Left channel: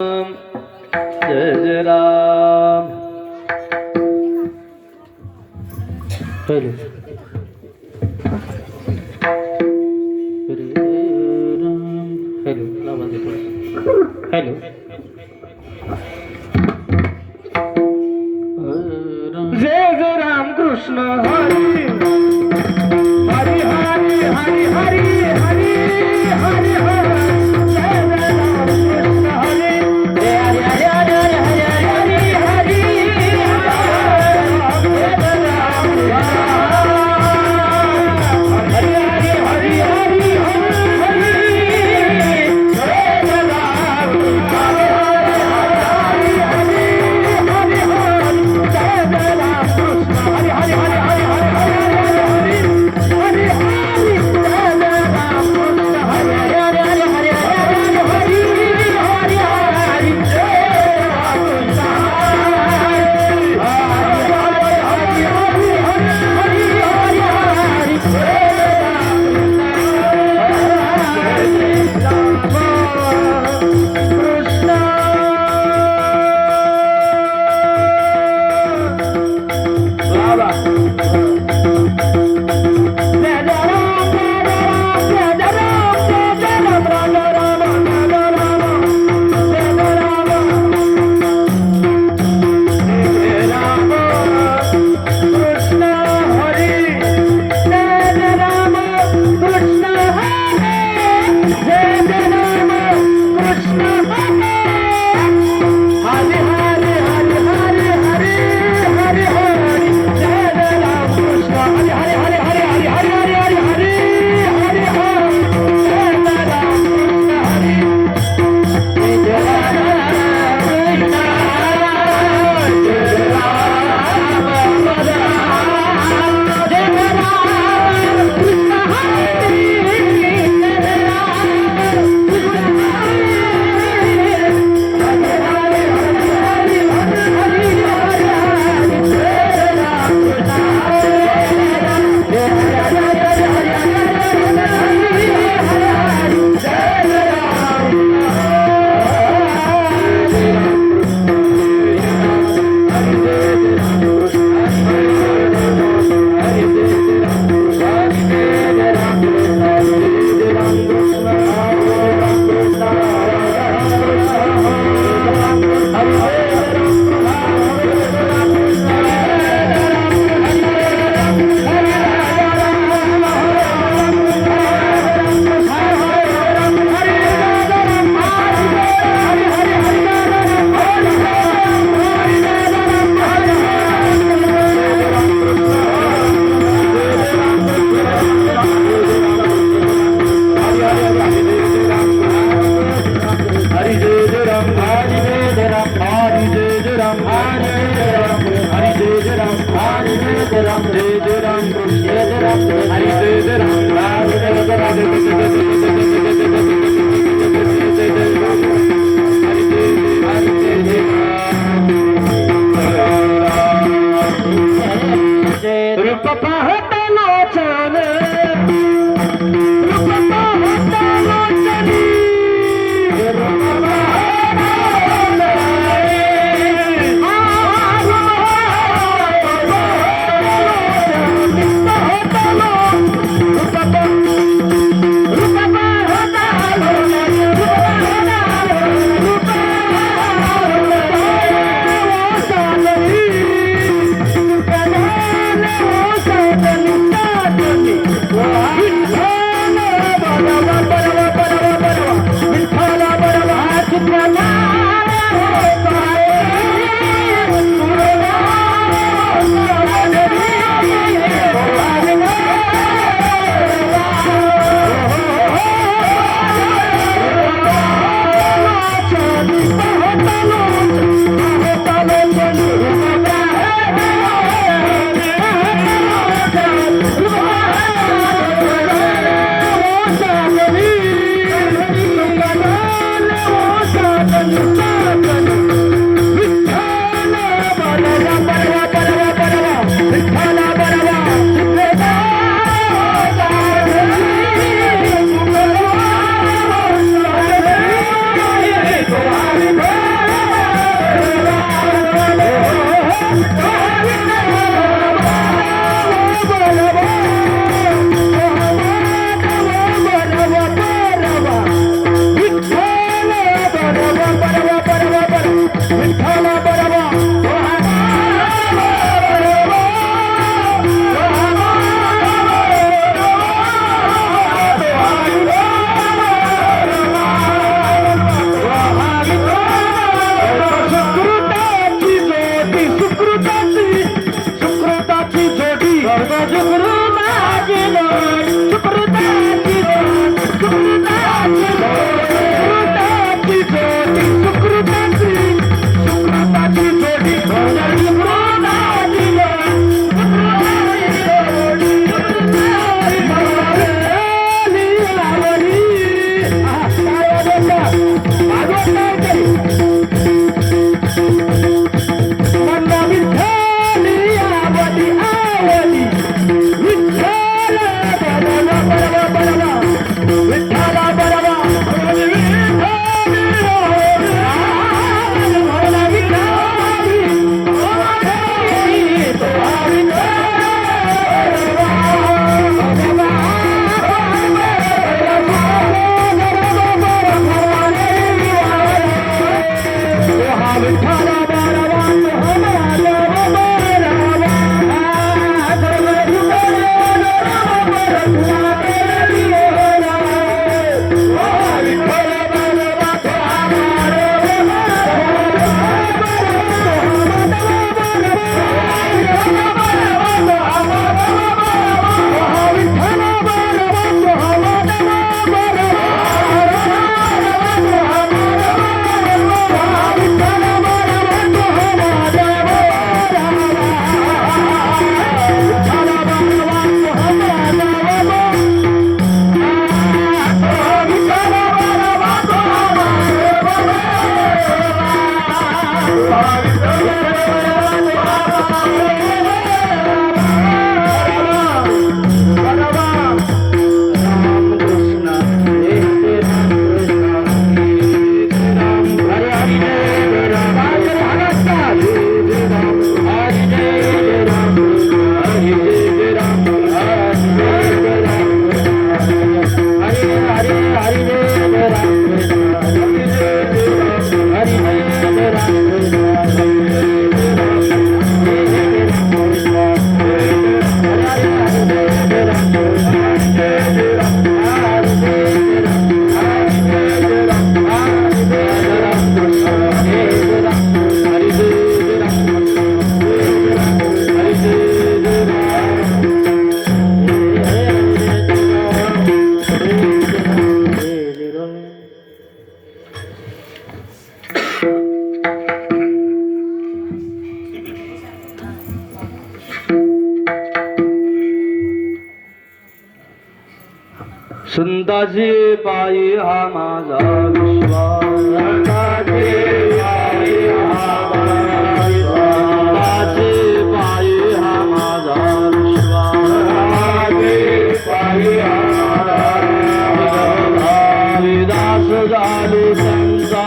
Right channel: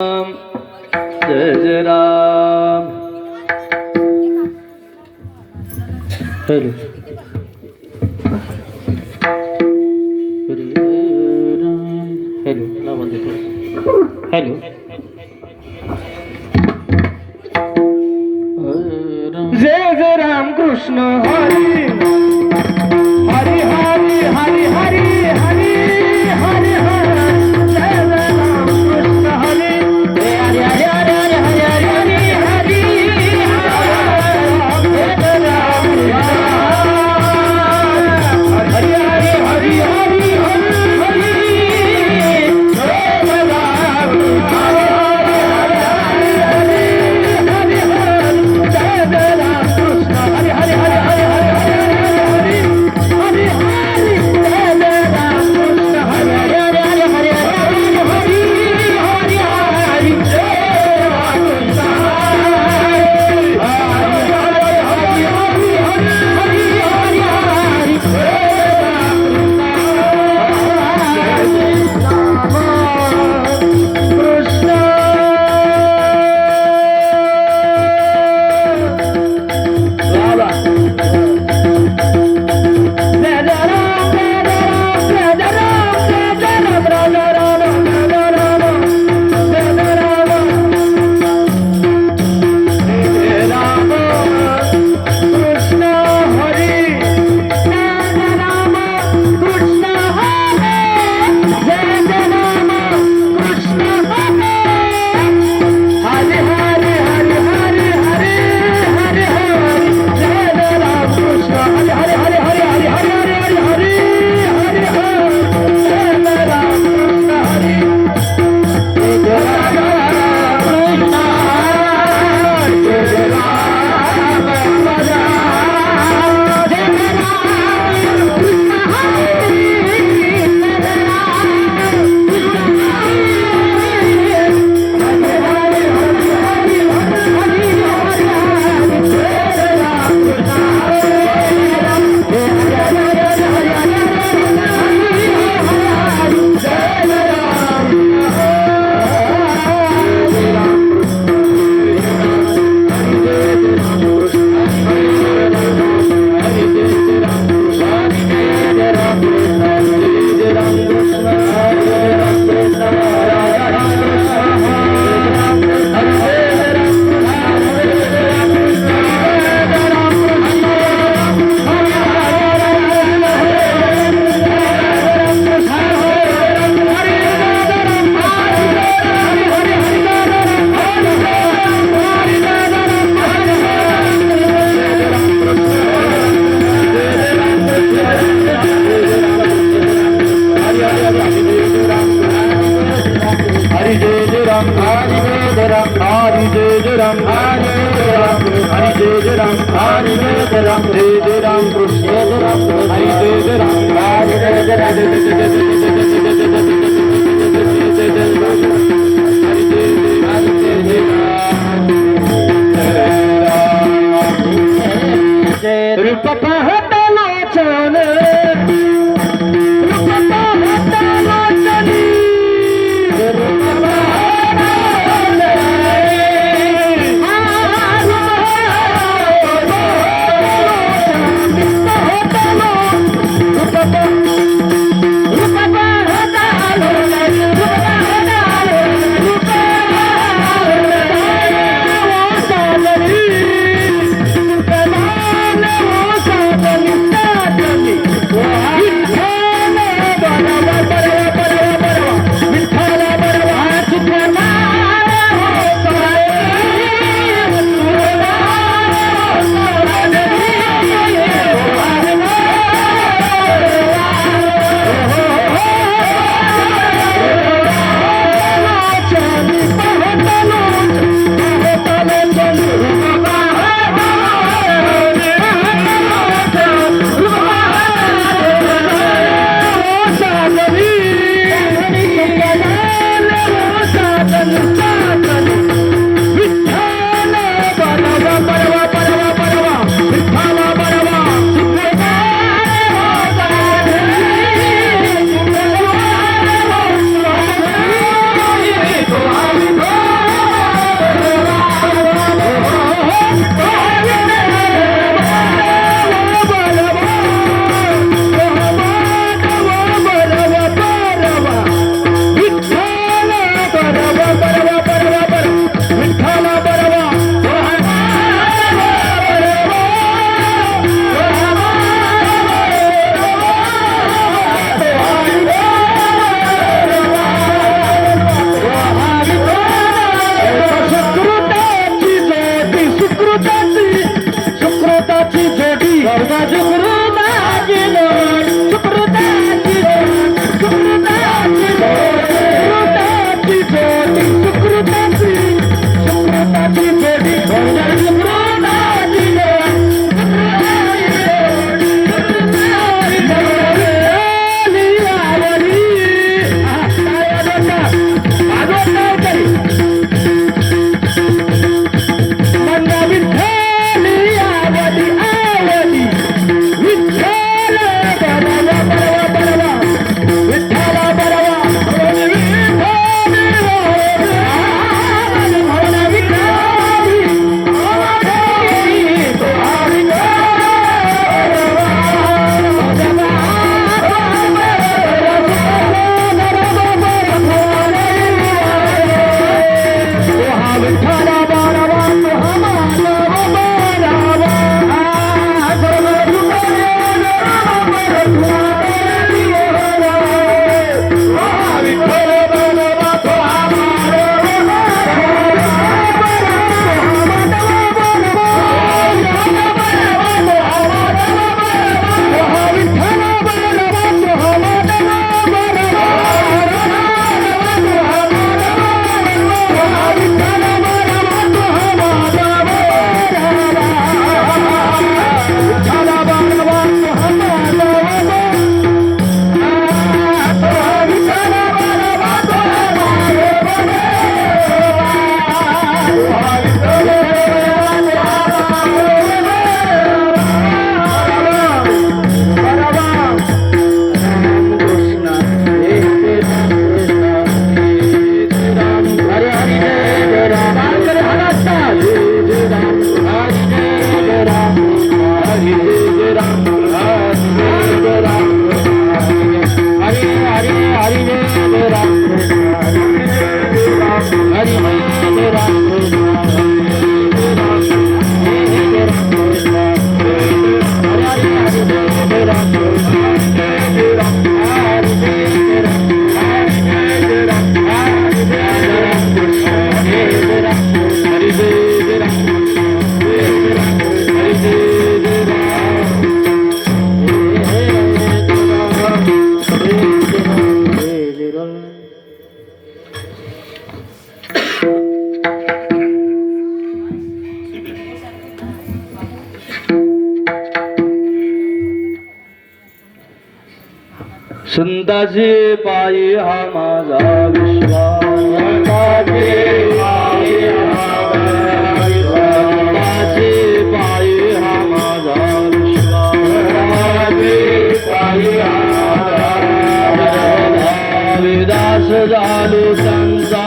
जय जय Ram. Hello hello hello. जय जय राम कृष्ण हरी हरी हरी हरी हरी हरी हरी हरी. जय जय राम कृष्ण हरी हरी हरी हरी हरी हरी हरी. जय जय राम हरी हरी हरी हरी हरी हरी. जय जय राम हरी हरी हरी हरी. जय जय राम कृष्ण हरी हरी हरी हरी. संताचे पायी हा माझा विश्वास, संताचे पायी हा माझा विश्वास, विदास झालो संता,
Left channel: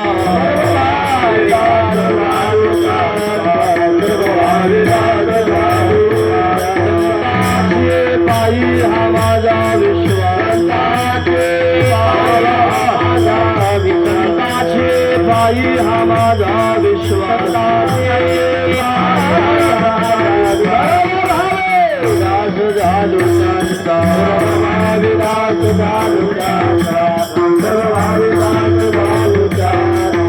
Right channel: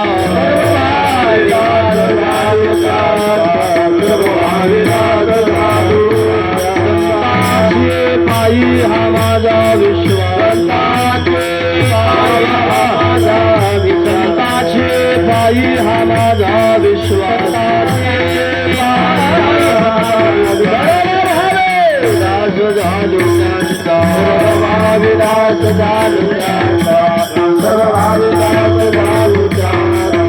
पायी हा माझा विश्वास, पायी हा माझा विश्वास, विलास झालो संता, विलास झालो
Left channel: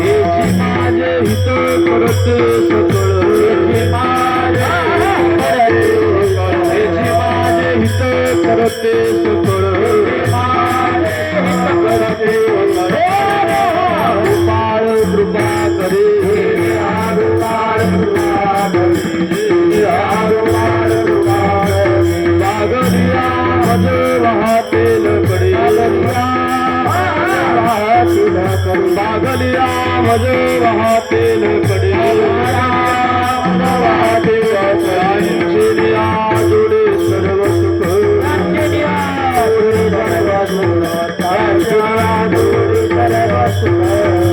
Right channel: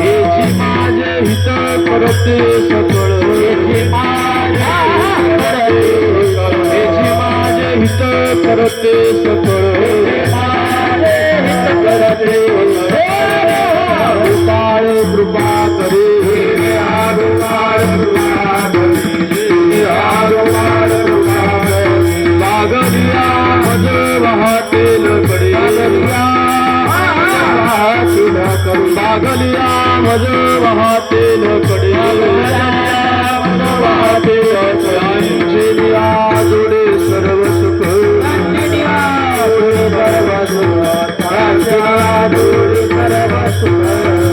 हेची माझे हित करते सकळ, हेची माझे हित करते सकळ, कृपा करे लागलिया मज वाहतेल कडे, लागलिया मज वाहतेल कडे, जोडे सर्व सुख,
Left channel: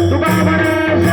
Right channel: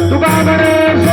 तुका गणेश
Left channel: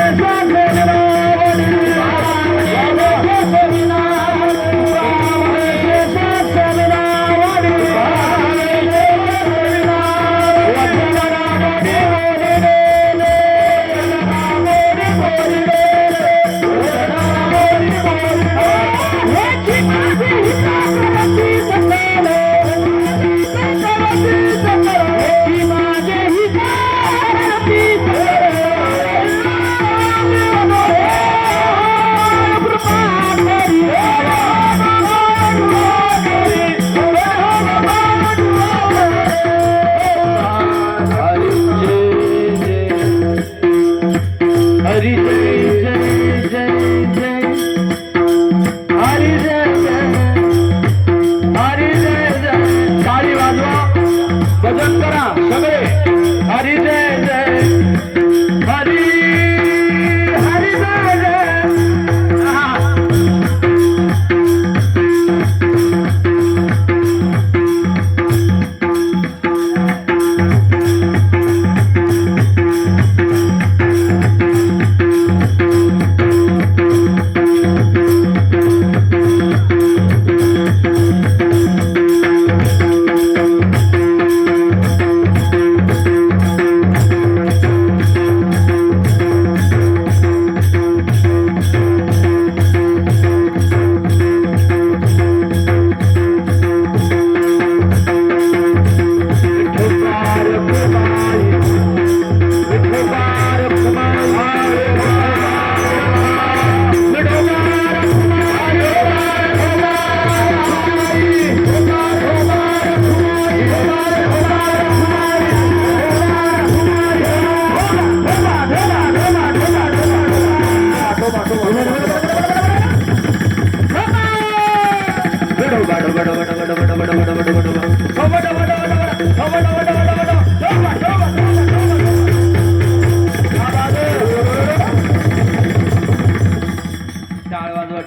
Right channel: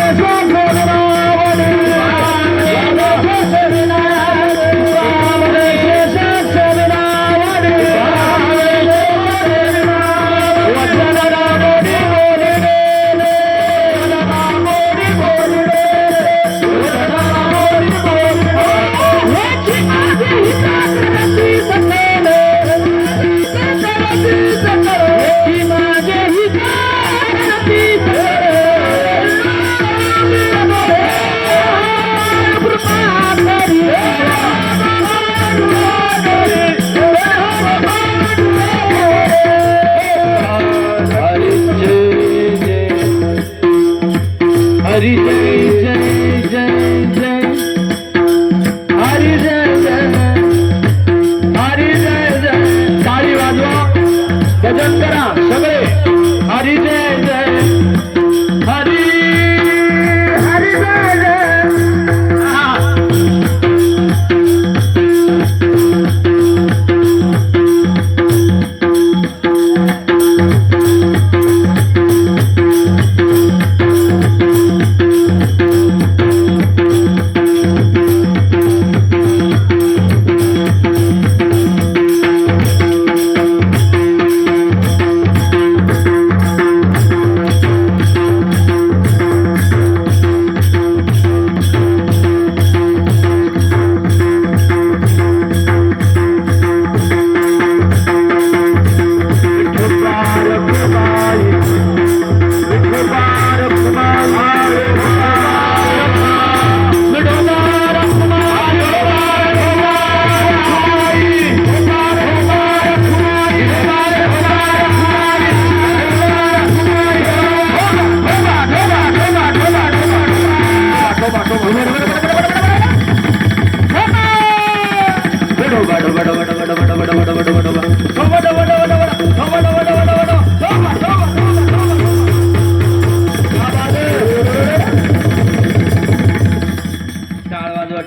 हरी जय जय जय जय, हरी जय जय, हरी जय जय, टाळी वाजवा, भजन करा सगळे, हरी जय जय, हरी हरी जय जय,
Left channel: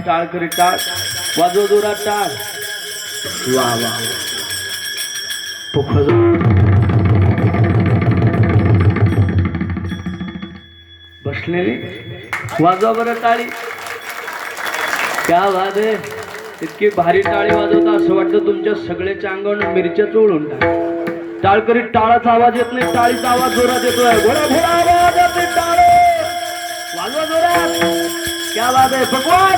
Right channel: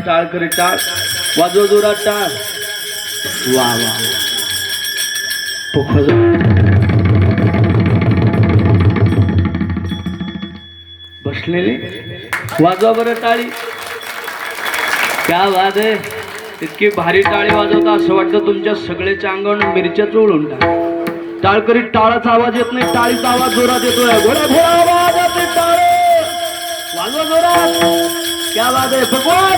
टाळ करी टाळ वाजव जोरात टाळ, वा वा बसलेले वाजवा बरं टाळी, क्या वाद आहे, इतकी भारी टाळी वाजवता असं वाटतं तुमच्या सगळ्याच्या अंगावर मिरच्या चोळून टाक. टाळ करीत टाळाचा आवाज येत नाही, टाळीचा आवाज जोरात येतोय, घोडे घोडा आवाज येते, टाळे वाजवा जोरात, क्या वाद आहे भगवान.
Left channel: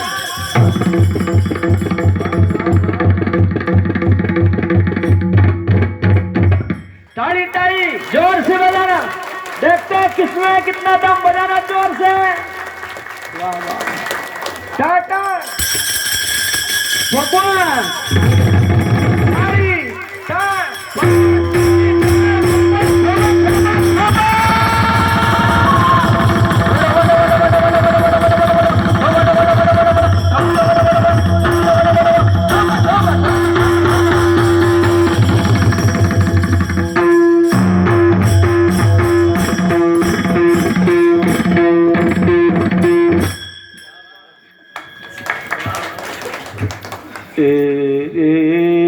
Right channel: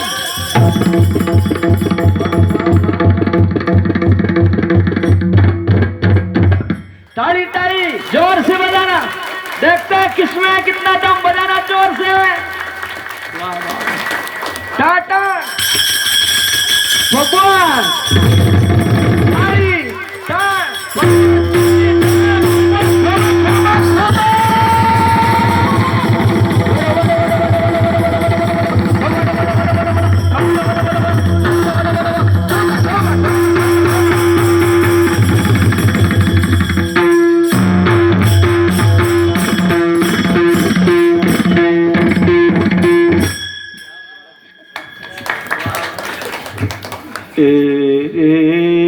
ताली ताली जोर से बजाना, देखते हैं किसमें कितना दम, बजाना जोर से, वाह वाह, टाटा भगवान, ताली ताली तेरे